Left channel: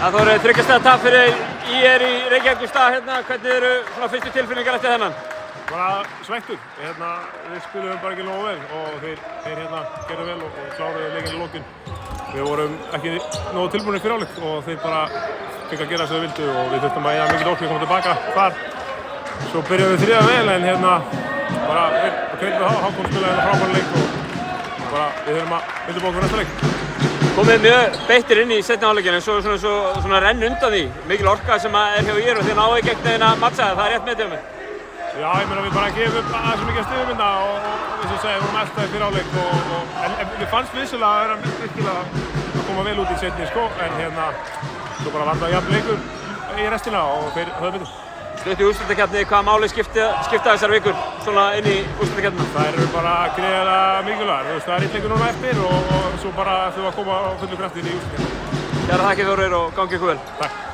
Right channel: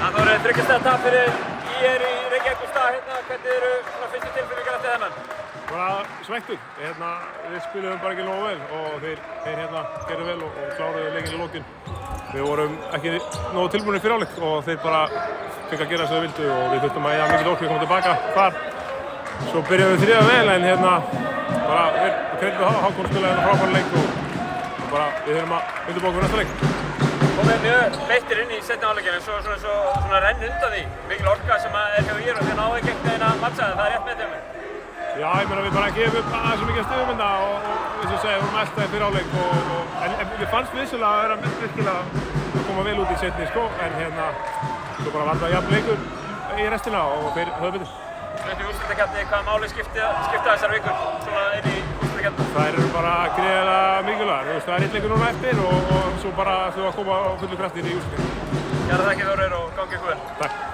Það voru 3 stiga tap fyrir ÍR í Reykjavík í stað hérna. Hvernig eru svona fyrstu tilfinningar eftir þennan? Bara svekktur. Við spiluðum bara ekki nógu vel og þeir gerðu vel og kláruðu leikinn í lokin. Við vorum ekki nógu tilbúinir fyrir hálfleik og þeir bara fengu að gera sem þau vildu og við þurftum að eyða mikil orku að koma tilbaka þar. Svo byrjuðum við þriðja vel en bara kreddum Hákon spilaði frábæran leik og bara við þurfum að undirbúa okkur fyrir næsta leik. Komið mjög beittir inn í seinni hálfleikinn en svo svona renn undan því. Mikil orka sem er hjá ÍR og þið náðu ekki einhvern veginn að matcha það. Það er rétt með þér. Já, ég meina við bara gefum upp aðeins mikið stigum hérna og eins og segja, við vorum eldaðir fyrir hálfleik en við fannst vissulega að vera virkilega að koma vel út í seinni sko en svo bara var það jafn leikur í restina og þeir höfðu betur. Stutt í úrslitakeppni, hvaða máli skipta þessar vikur svona inn í úrslitakeppni? Þær eru bara gríðarlega mikilvægar. Það er einn leikur núna eftir og svo bara þau að koma á fullu krafti inn í úrslitakeppni. Kærar þakkir Þórir og gangi ykkur vel. Takk.